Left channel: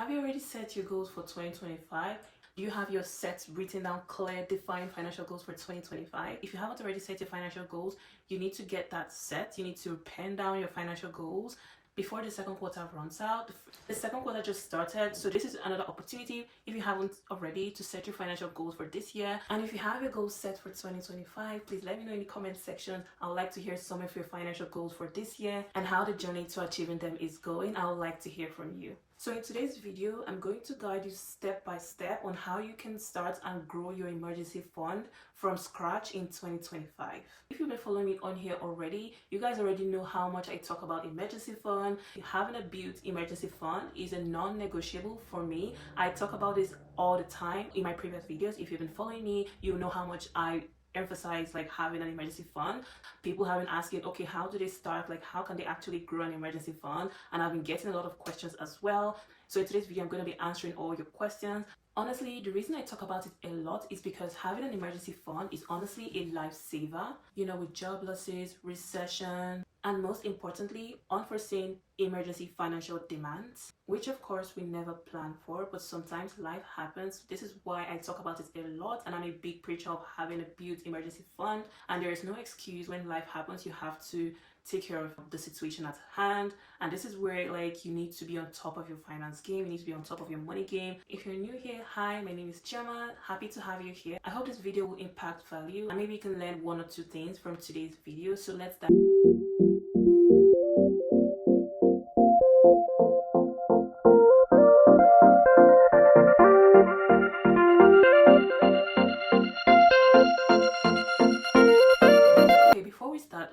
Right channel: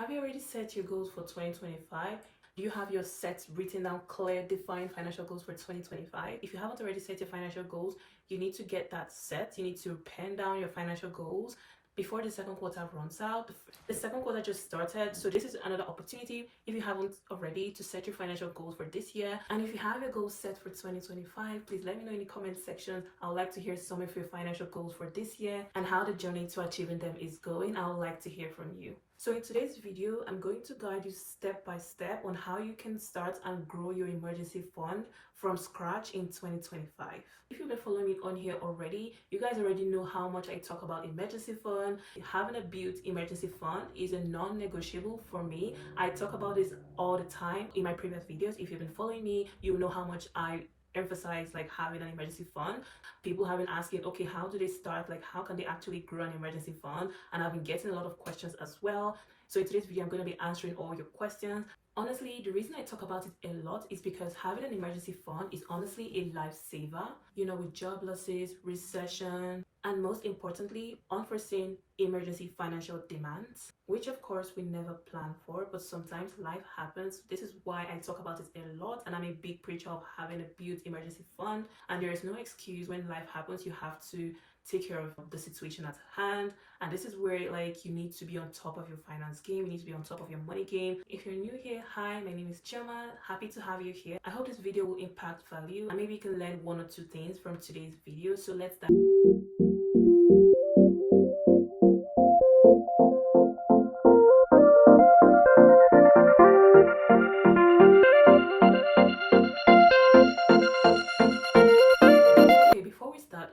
Have you already set your goals for 2025? Do you have your sets written down, clear, defined financial goals for 2025? If you haven't already set your financial goals, you need to get that set. You need to pen down your financial goals before the second quarter runs out. The second quarter just started, so this is another opportunity if you haven't already to set your financial goals for this year. And if you have your goals set for 2025, please let me know in the comment section. I would like to hear some of your financial goals for this year and how the journey to achieving them is going. I would like to hear from you. So in today's video, I'm going to guide you step by step on how you can start and grow your emergency fund from scratch in 2025. If you've been following me on here already, you guys already know how much I talk about emergency fund. Having a built emergency fund is a non-negotiable for me. I talk about this all the time in my previous videos. If you've been following me, you know how much I emphasize like having an emergency fund. People have been asking, okay, how do they start? Like, how can they actually grow an emergency fund? And I've been getting a lot of questions as well. So in today's video, I'm going to be answering all your questions. Honestly, the reason I talk about it a lot is because having an emergency fund is honestly a lifesaver. You know, with job losses, recession, and most importantly, unforeseen emergency financial demands, which of course we never plan for, but sometimes life happens. This is why I talk about it a lot, and I'm a big preacher of having a built emergency fund. And there is no excuse when life happens. You have to take care of the situation at hand, and this is where like you need to be on top of your finance game. You need to be on top of your money game. If you're new here, hi, my name is Chioma. Happy to have you here. I hope this video will impact value and maybe you can learn one or two things from today's video. So let's dive.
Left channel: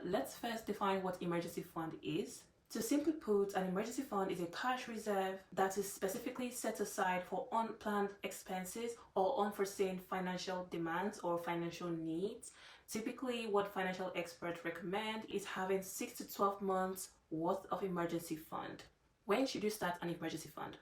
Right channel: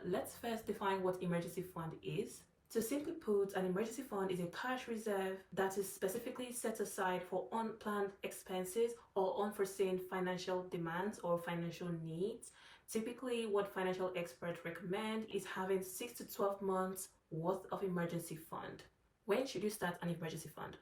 Let's first define what emergency fund is. To simply put, an emergency fund is a cash reserve that is specifically set aside for unplanned expenses or unforeseen financial demands or financial needs. Typically, what financial experts recommend is having 6 to 12 months worth of emergency fund. When should you start an emergency fund?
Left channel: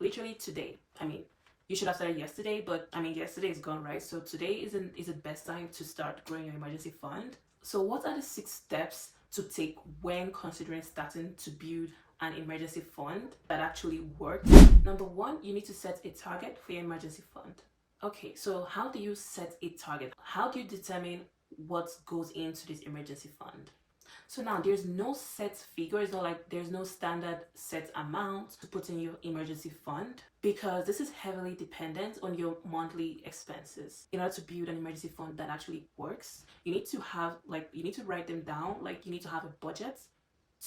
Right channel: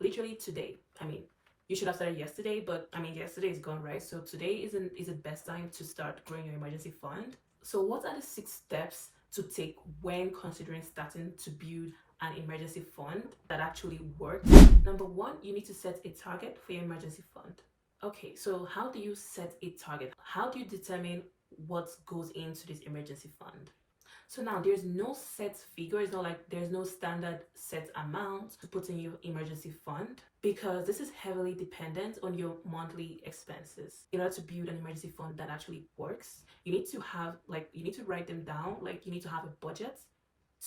Literally today. I mean, you should have started yesterday, but I mean, yesterday is gone, right? So today is the best time to start growing your emergency fund. So what are the 6 steps to take when considering starting to build an emergency fund that actually works? Number 1, you need to set a target for your emergency fund. Okay, so how do you set a target? How do you determine what goes into this emergency fund? So now there's no set figure. It's not like there's no standard set amount to put in your emergency fund, because this is heavily dependent on your monthly expenses. In order to build an emergency fund that actually works, you need to have you need to write them down. Like, you need to have a budget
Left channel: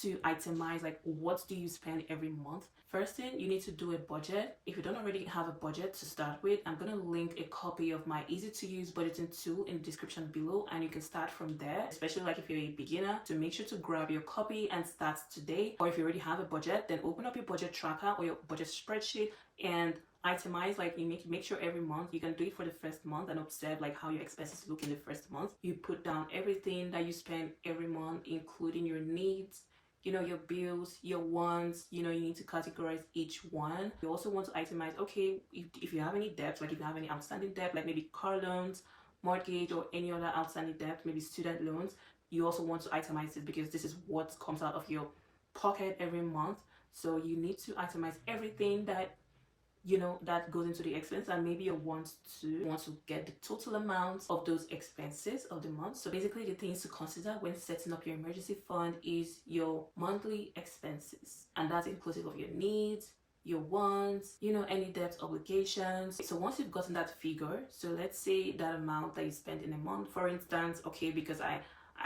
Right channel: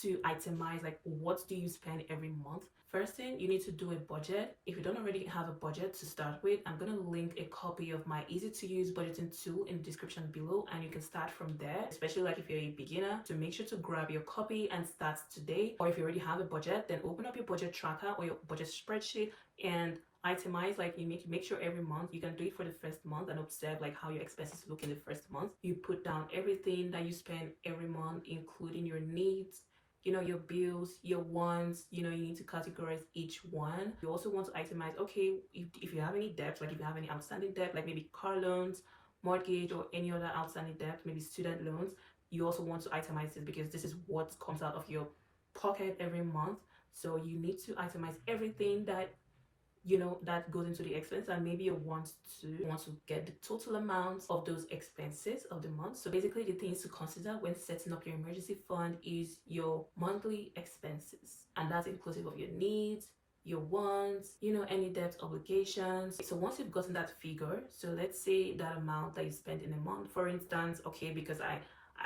to itemize like what do you spend every month. First thing, you need to do a budget. If you don't already have a budget to start with, I'm going to link a copy of my easy to use budgeting tool in the description below, and you can start from there, especially like if you're a beginner. So make sure to grab your copy and start today. Or if you already have a budget, then open up your budget tracker or your budget spreadsheet and itemize. Like, you make sure every month, you can do it for the first month and observe like how your expenses look in the first month. You put down everything that you spend every month, including your needs, you know, your bills, your wants. You know, you need to categorize each one. You also want to itemize, okay, if you have any debts, like if you have any outstanding debt, like maybe car loans, mortgage, or any other outstanding debt, maybe student loans, you also want to itemize this because this is what comes out of your pocket every month. So you need to itemize everything that you know that goes into the expense, and maybe you want to get the total amount of those expenses of the month. So basically, the things to consider when setting up your emergency fund is your monthly expenses, and that's inclusive of your needs, your wants, you know, any debt obligations. So once you've gotten that figure, so let's say that amount that you spend in a month, for instance, okay, because I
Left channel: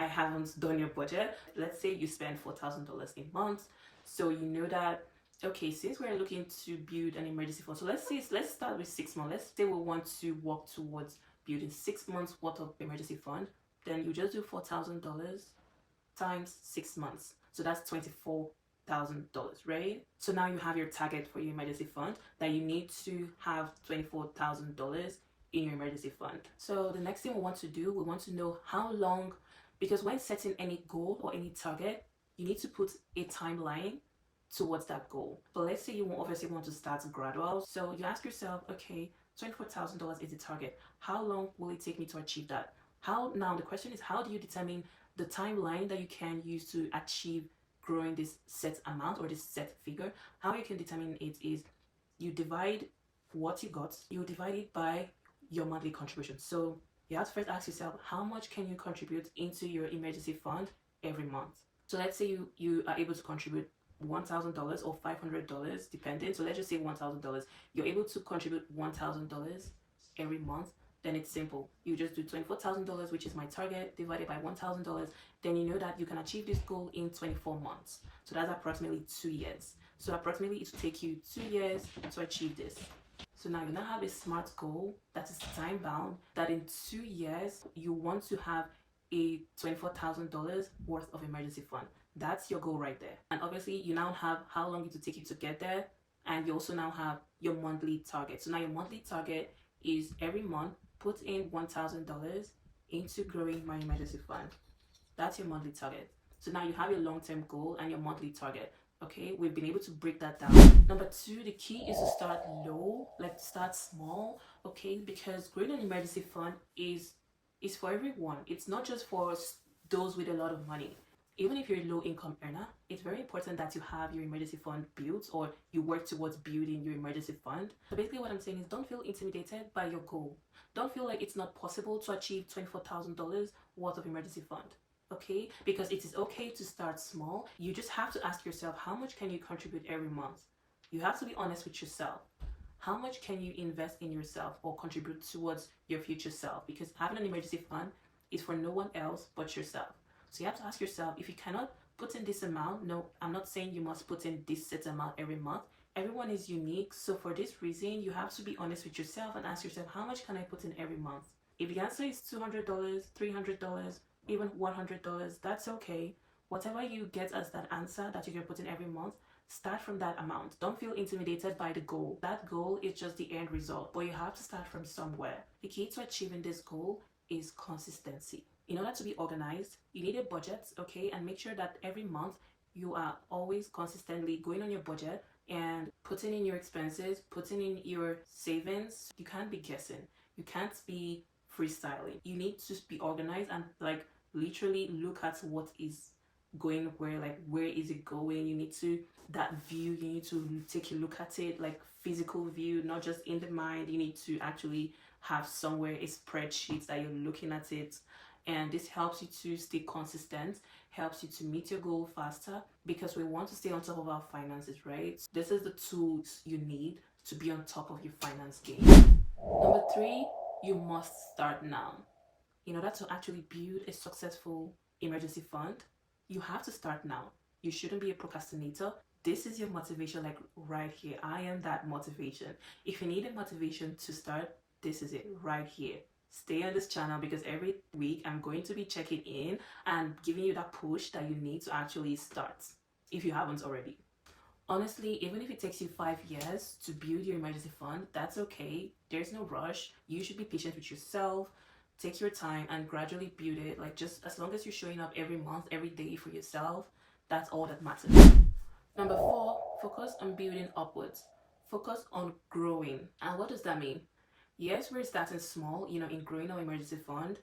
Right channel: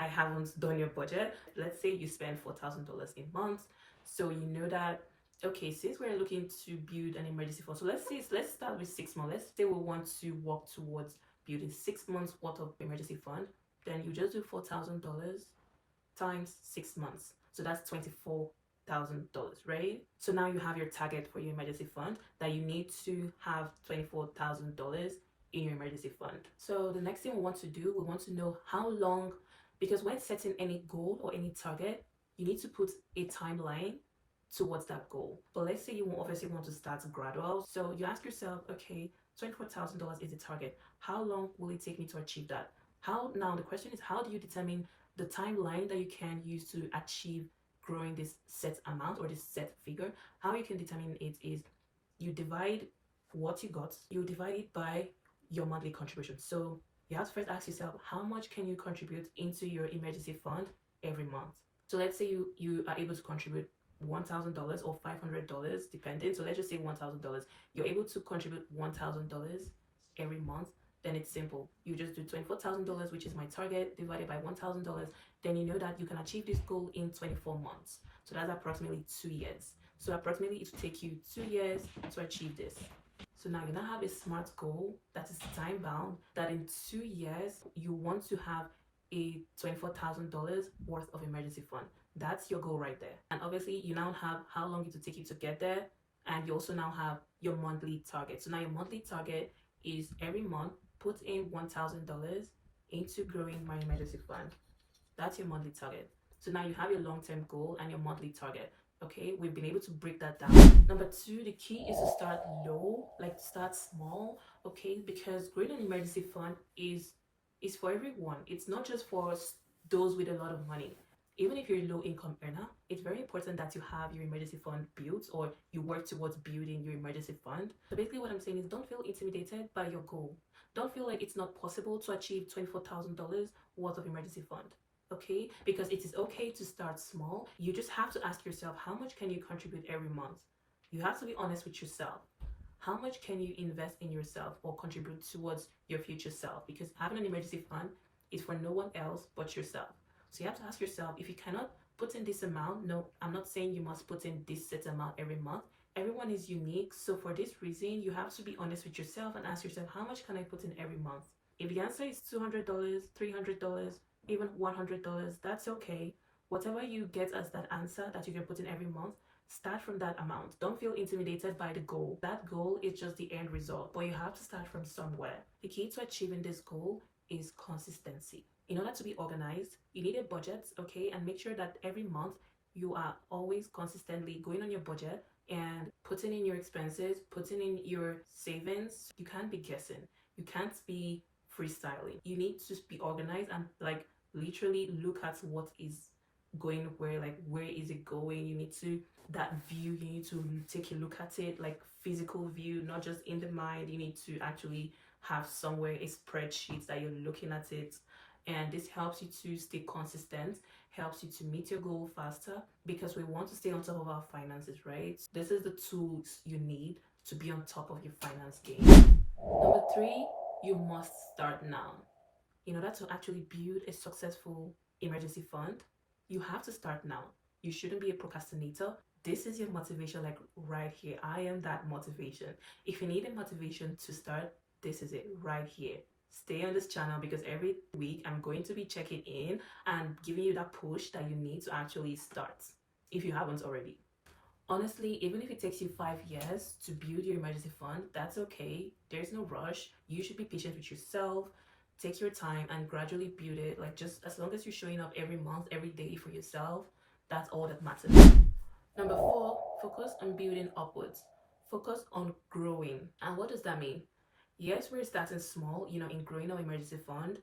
haven't done your budget, let's say you spend $4,000 a month. So you know that, okay, since we're looking to build an emergency fund, so let's start with 6 months. Let's say we want to work towards building 6 months worth of emergency fund. Then you just do $4,000 times 6 months. So that's $24,000, right? So now you have your target for your emergency fund, that you need to have $24,000 in your emergency fund. So the next thing we want to do, we want to know how long, because when setting any goal or any target, you need to put a timeline towards that goal. But let's say you obviously want to start gradual. So you ask yourself, okay, $24,000 is the target. How long will it take me to achieve that? Now the question is, how do you determine the timeline that you can use to achieve growing this set amount or this set figure? How you can determine it is you divide what you got, you divide it by your monthly contribution. So you have to first ask yourself, how much can you contribute into your emergency fund every month? So let's say you are able to contribute $1,000 or $500 depending. So let's just say $1,000. You're able to contribute $1,000 every month. Then it's simple. You just do $24,000, which is my target, divided by $1,000. Then you know that you can achieve this goal in 24 months. So that's approximately 2 years. So approximately it will take you 2 years to achieve this. So now you now have a SMART goal that is time bound, that in 2 years you want to have a $24,000 worth of emergency fund. That's your goal right there. And obviously you now have how long it will take you to get there, and you also now have your monthly target. So now your monthly target is every month put in $1,000 into growing my emergency fund. That's your monthly target. So now you have your long-term goal and your monthly target. Okay, we've been able to break that down. Number 2, the key is to start low, like start small. Okay, because growing an emergency fund is for everyone. It's not just for those with a lot of money. Even if you're a low income earner, it's very important that you have your emergency fund built, or you work towards building your emergency fund. So basically what I'm saying is, don't feel intimidated by your goal. Don't feel like it's not possible to achieve $24,000 worth of emergency fund. Okay, because it is okay to start small. You just have to ask yourself, how much can you contribute every month? You have to be honest with yourself. How much can you invest in yourself or contribute towards your future self? Because having an emergency fund is for no one else but yourself. So you have to ask yourself, if you cannot put in this amount, no, I'm not saying you must put in this set amount every month. Everyone is unique. So for this reason, you have to be honest with yourself and ask yourself, how much can I put in every month? If the answer is $200, $300, even $100, that's okay. Whatever you get as that answer that you can put in every month, start from that amount. Don't feel intimidated by the goal. That goal is just the end result, but you have to start from somewhere. The key to achieving this goal is consistency. In order to be organized, you need a budget, okay? And make sure that every month you are always consistently going on your budget and putting in your expenses, putting in your savings. You can't be guessing. You can't be freestyling. You need to be organized and like literally look at what is going where, like where is it going. You need to, that view, you need to take a look at it, like physical view, not just in the mind. You need to actually have somewhere a spreadsheet that you're looking at it, and this helps you to stay consistent, helps you to meet your goal faster, because we want to stay on top of our finances, right? This is the tools you need to be on top of your finance game. Number 3, you must start now. In order to actually build a successful emergency fund, you have to start now. You shouldn't be a procrastinator. This is your motivation, like right here. I am that motivation. If you need a motivation to start, this is it right here. Stay on this channel, because every week I'm going to be checking in and giving you that push that you need to actually start if you haven't already. Honestly, even if it takes you 5 years to build your emergency fund, that's okay. There's no rush. You should be patient with yourself. Take your time and gradually build it. Like, just as long as you're showing up every month, every day for yourself, that's all that matters. Number 4, focus on building upwards. Focus on growing. And what does that mean? Yes, we're starting small, in growing our emergency fund,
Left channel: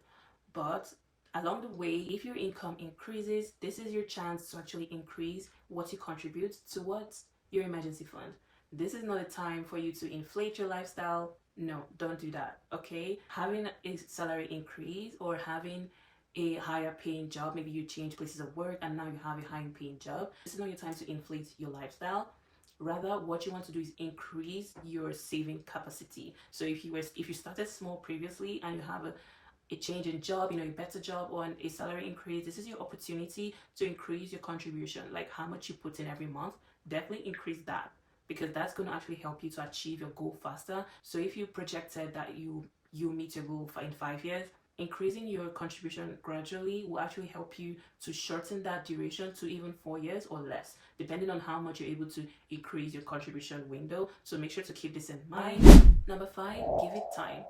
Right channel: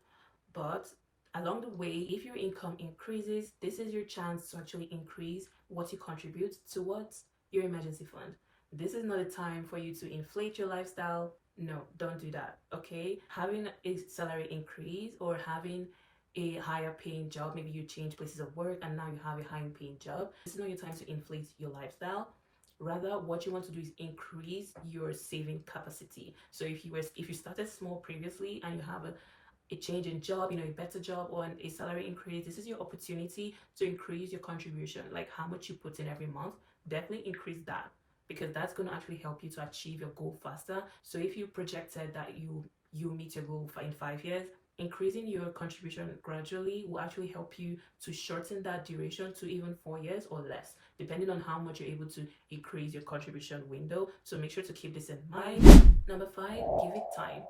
but along the way, if your income increases, this is your chance to actually increase what you contribute towards your emergency fund. This is not a time for you to inflate your lifestyle. No, don't do that, okay? Having a salary increase or having a higher paying job, maybe you change places of work and now you have a higher paying job, this is not your time to inflate your lifestyle. Rather, what you want to do is increase your saving capacity. So if you started small previously and you have a change in job, a better job or a salary increase, this is your opportunity to increase your contribution, like how much you put in every month. Definitely increase that, because that's going to actually help you to achieve your goal faster. So if you projected that you meet your goal in 5 years, increasing your contribution gradually will actually help you to shorten that duration to even 4 years or less, depending on how much you're able to increase your contribution window. So make sure to keep this in mind. Number 5, give it time.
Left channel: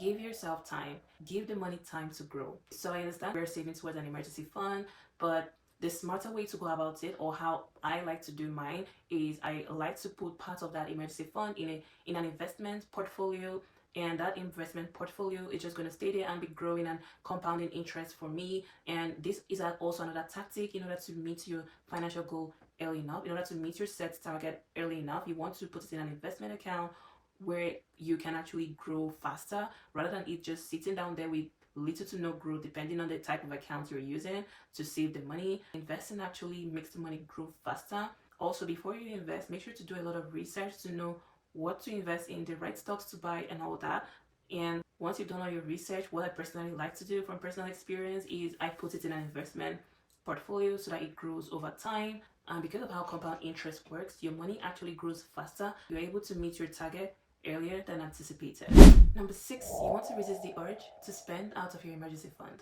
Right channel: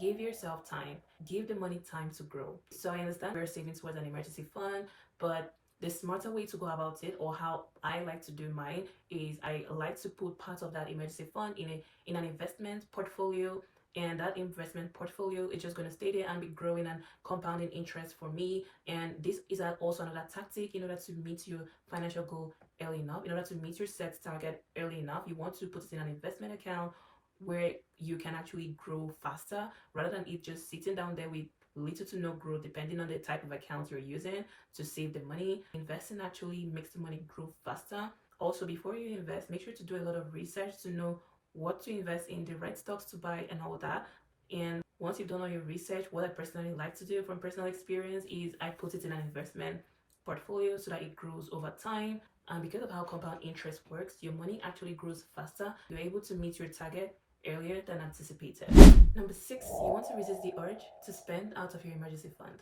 Give yourself time. Give the money time to grow. So I understand we're saving towards an emergency fund, but the smarter way to go about it, or how I like to do mine, is I like to put part of that emergency fund in an investment portfolio, and that investment portfolio is just going to stay there and be growing and compounding interest for me. And this is also another tactic in order to meet your financial goal early enough. In order to meet your set target early enough, you want to put it in an investment account where you can actually grow faster rather than it just sitting down there with little to no growth depending on the type of account you're using to save the money. Investing actually makes the money grow faster. Also, before you invest, make sure to do a lot of research to know what to invest in, the right stocks to buy, and all that. And once you've done all your research, what I personally like to do from personal experience is I put it in an investment portfolio so that it grows over time. And because of how compound interest works, your money actually grows faster. You're able to meet your target earlier than anticipated. Number 6, you want to resist the urge to spend out of your emergency fund.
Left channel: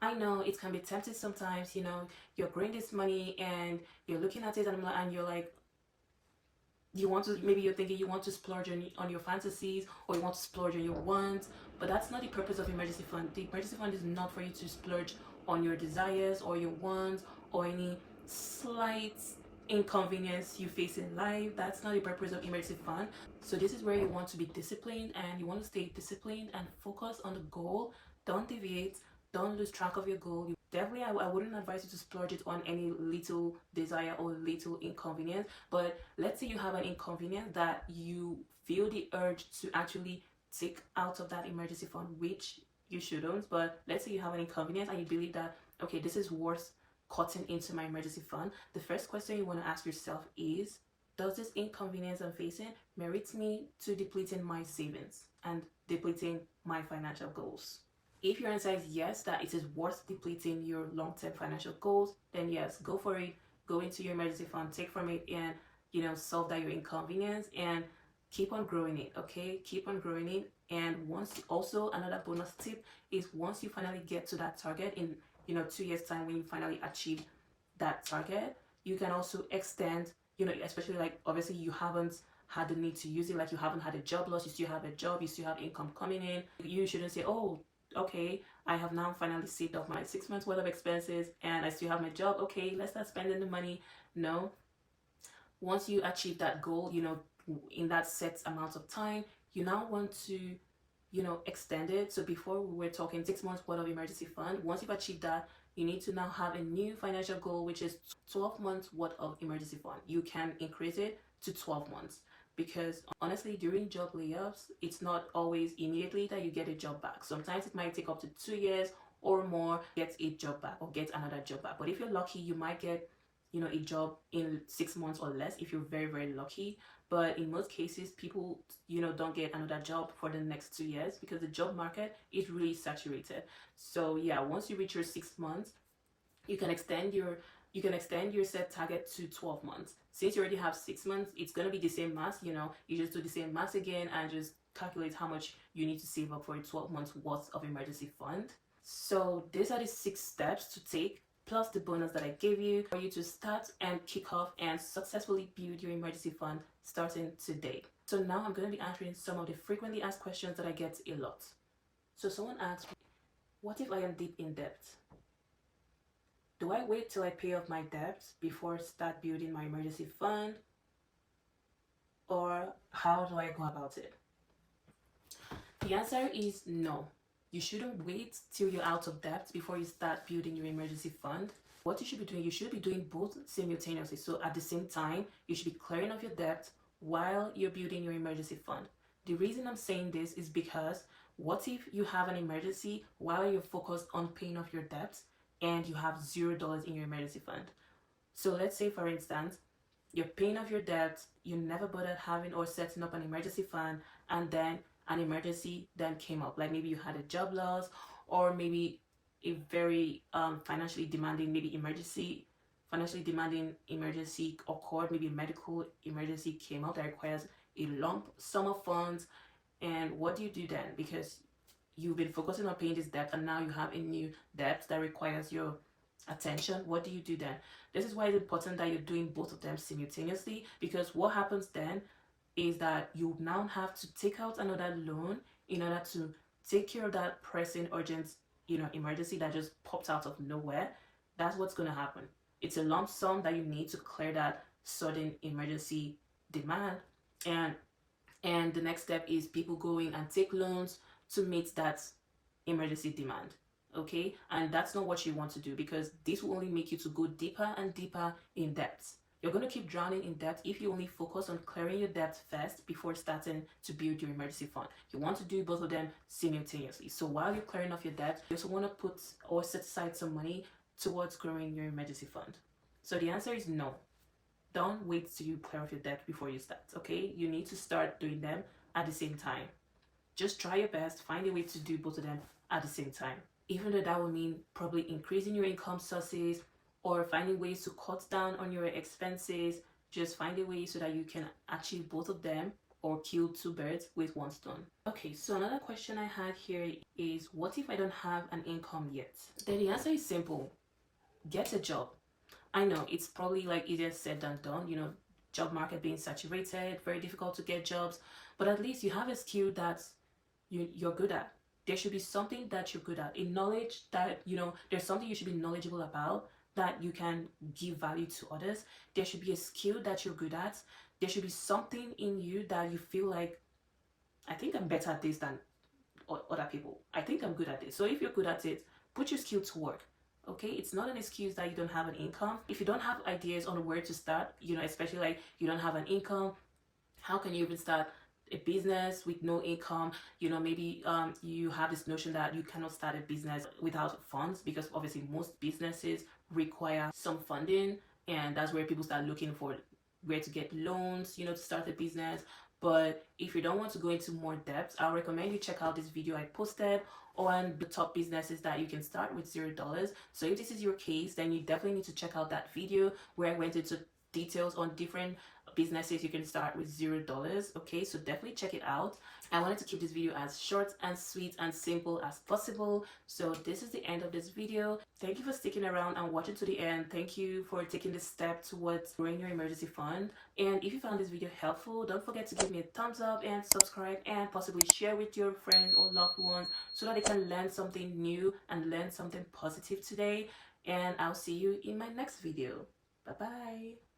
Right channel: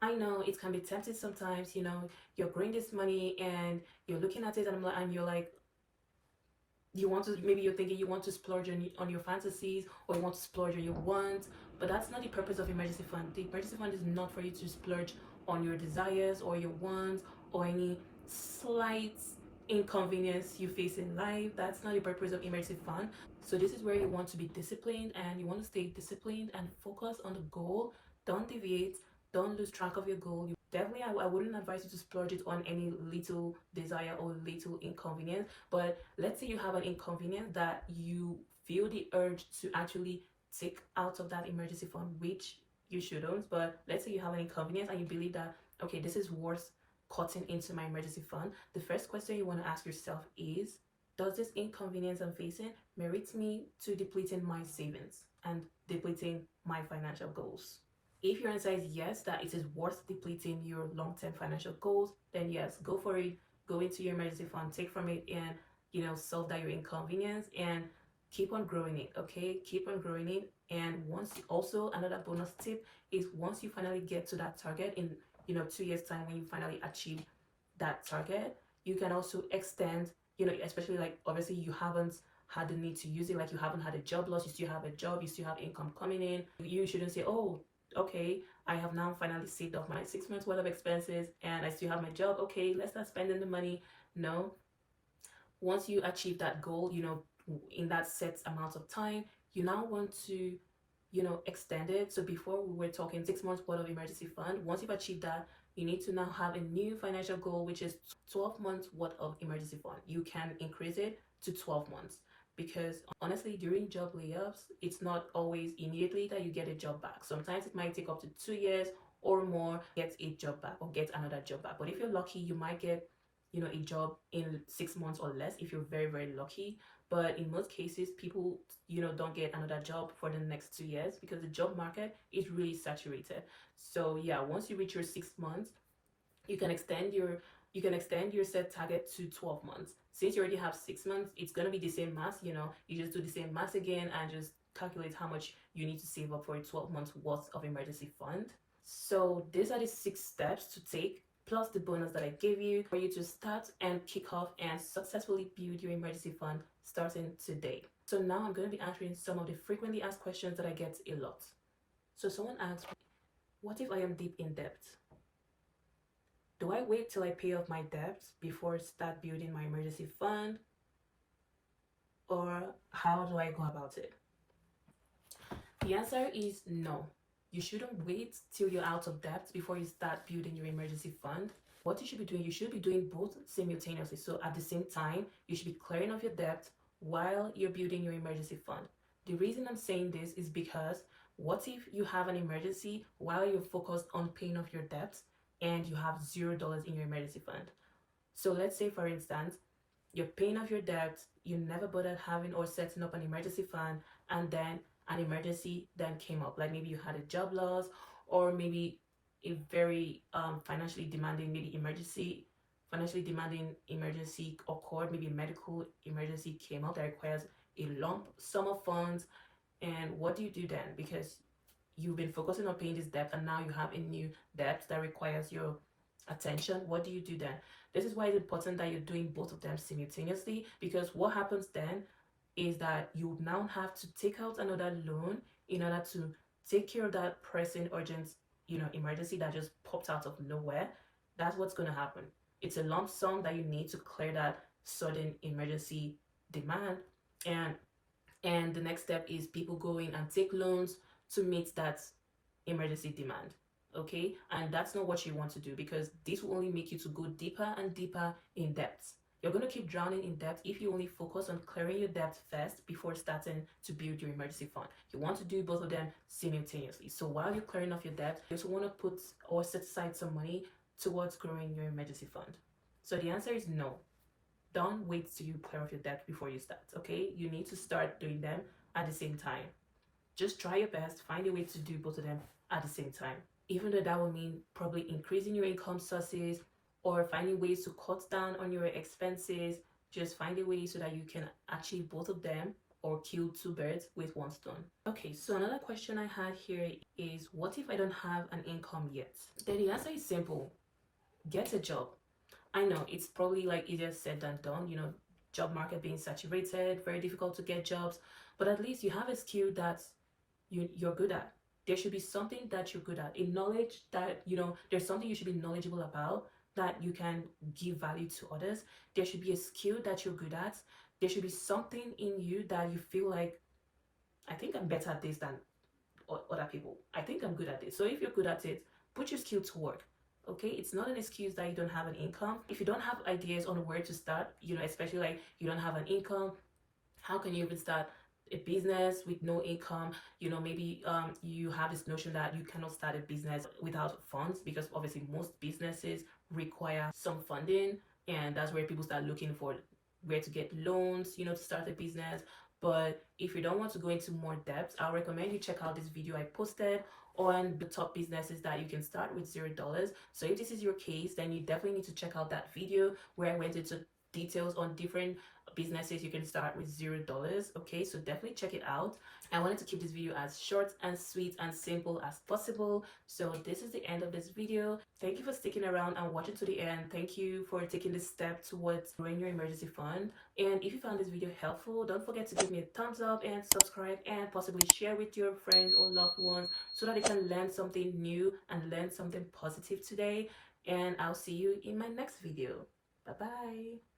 I know it can be tempting sometimes, you're growing this money and you're looking at it and you're like, maybe you're thinking you want to splurge on your fantasies, or you want to splurge on your wants, but that's not the purpose of emergency fund. The emergency fund is not for you to splurge on your desires or your wants or any slight inconvenience you face in life. That's not the purpose of emergency fund. So this is where you want to be disciplined, and you want to stay disciplined and focus on the goal. Don't deviate, don't lose track of your goal. Definitely, I wouldn't advise you to splurge it on any little desire or little inconvenience. But let's say you have an inconvenience that you feel the urge to actually take out of that emergency fund, which you shouldn't. But let's say you have an inconvenience and you believe that, okay, this is worth cutting into my emergency fund. The first question you want to ask yourself is, does this inconvenience I'm facing merit me to depleting my savings and depleting my financial goals? If your answer is yes, that it is worth depleting your long-term financial goals, then yes, go for it. Go into your emergency fund, take from it, and solve that your inconvenience, and keep on growing it. Okay, keep on growing it. And also another bonus tip is, once you finally get to that target in 2 years time, when you finally achieve that target, you can also extend, especially like obviously you haven't had the need to use it, like you haven't had a job loss, you still have a job, you still have income coming in. You shouldn't say, oh, okay, I have now finally saved up my 6 months worth of expenses and I still have my job. Okay, let's start spending the money. No. Once you achieve that goal, in that set amount of time, you now want to, extend it. So before we were talking 6 months worth of emergency fund. Once you've achieved that, you need to now have a new financial goal, which is 12 months worth of emergency fund. You can increase it to 12 months. Because honestly, during job layoffs, it's not always immediately that you get a job back. Sometimes it might take up to 2 years or more to get a job back or get another job back. But if you're lucky, you might get, a job in 6 months or less if you're very, very lucky. But in most cases, people, don't get another job for the next 2 years because the job market is really saturated. So yeah, once you reach your 6 months, you can extend your set target to 12 months. Since you already have 6 months, it's going to be the same math, you just do the same math again and just calculate how much you need to save up for a 12 months worth of emergency fund. So these are the 6 steps to take, plus the bonus that I gave you for you to start and kick off and successfully build your emergency fund starting today. So now I'm going to be answering some of the frequently asked questions that I get a lot. So someone asked, what if I am deep in debt? Do I wait till I pay off my debts before I start building my emergency fund? Or how do I go about it? The answer is no. You shouldn't wait till you're out of debt before you start building your emergency fund. What you should be doing, you should be doing both simultaneously. So at the same time, you should be clearing off your debt while you're building your emergency fund. The reason I'm saying this is because what if you have an emergency while you're focused on paying off your debts and you have $0 in your emergency fund? So let's say, for instance, you're paying off your debt, you never bothered having or setting up an emergency fund, and then an emergency then came up. Like maybe you had a job loss, or maybe a very financially demanding emergency occurred. Maybe a medical emergency came up that requires a lump sum of funds. And what do you do then? Because you've been focusing on paying this debt and now you have a new debt that requires your attention. What do you do then? This is why it's important that you're doing both of them simultaneously, because what happens then is that you now have to take out another loan in order to take care of that pressing urgent emergency that just popped out of nowhere. That's what's going to happen. It's a lump sum that you need to clear that sudden emergency demand. And the next step is people going and take loans to meet that emergency demand. Okay, and that's not what you want to do, because this will only make you to go deeper and deeper in debt. You're going to keep drowning in debt if you only focus on clearing your debt first before starting to build your emergency fund. You want to do both of them simultaneously. So while you're clearing off your debt, you also want to put or set aside some money towards growing your emergency fund. So the answer is no. Don't wait till you clear off your debt before you start, okay? You need to start doing them at the same time. Just try your best, find a way to do both of them at the same time. Even though that will mean probably increasing your income sources or finding ways to cut down on your expenses, just find a way so that you can achieve both of them or kill two birds with one stone. Okay, so another question I had here is, what if I don't have an income yet? Then the answer is simple. Get a job. I know it's probably like easier said than done, you know, job market being saturated, very difficult to get jobs, but at least you have a skill that you're good at. There should be something that you're good at, a knowledge that, you know, there's something you should be knowledgeable about that you can give value to others. There should be a skill that you're good at. There should be something in you that you feel like, I think I'm better at this than other people. I think I'm good at this. So if you're good at it, put your skill to work. Okay, it's not an excuse that you don't have an income. If you don't have ideas on where to start, you know, especially like you don't have an income, how can you even start a business with no income? You know, maybe you have this notion that you cannot start a business without funds, because obviously most businesses require some funding, and that's where people start looking for where to get loans, you know, to start a business. But if you don't want to go into more depth, I recommend you check out this video I posted on the top businesses that you can start with $0. So if this is your case, then you definitely need to check out that video where I went into details on different businesses you can start with $0. Okay, so definitely check it out. I wanted to keep this video as short and sweet and simple as possible. So this is the end of this video. Thank you for sticking around and watching to the end. Thank you for taking this step towards growing your emergency fund. And if you found this video helpful, don't forget to give me a thumbs up and subscribe, and possibly share with your friends or loved ones so that they can learn something new and learn something positive today. And I'll see you in my next video. Bye bye.